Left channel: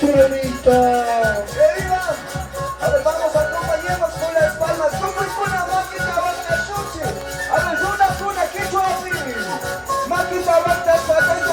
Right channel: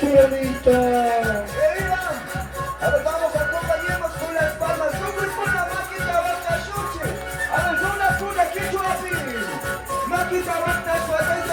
Tierrita. ¡Querida! A ver, vamos a compañeros con las palmas. ¿Cómo es buena máquina basta sushi? A ver, una, aquí, chuapi. Máquina basta,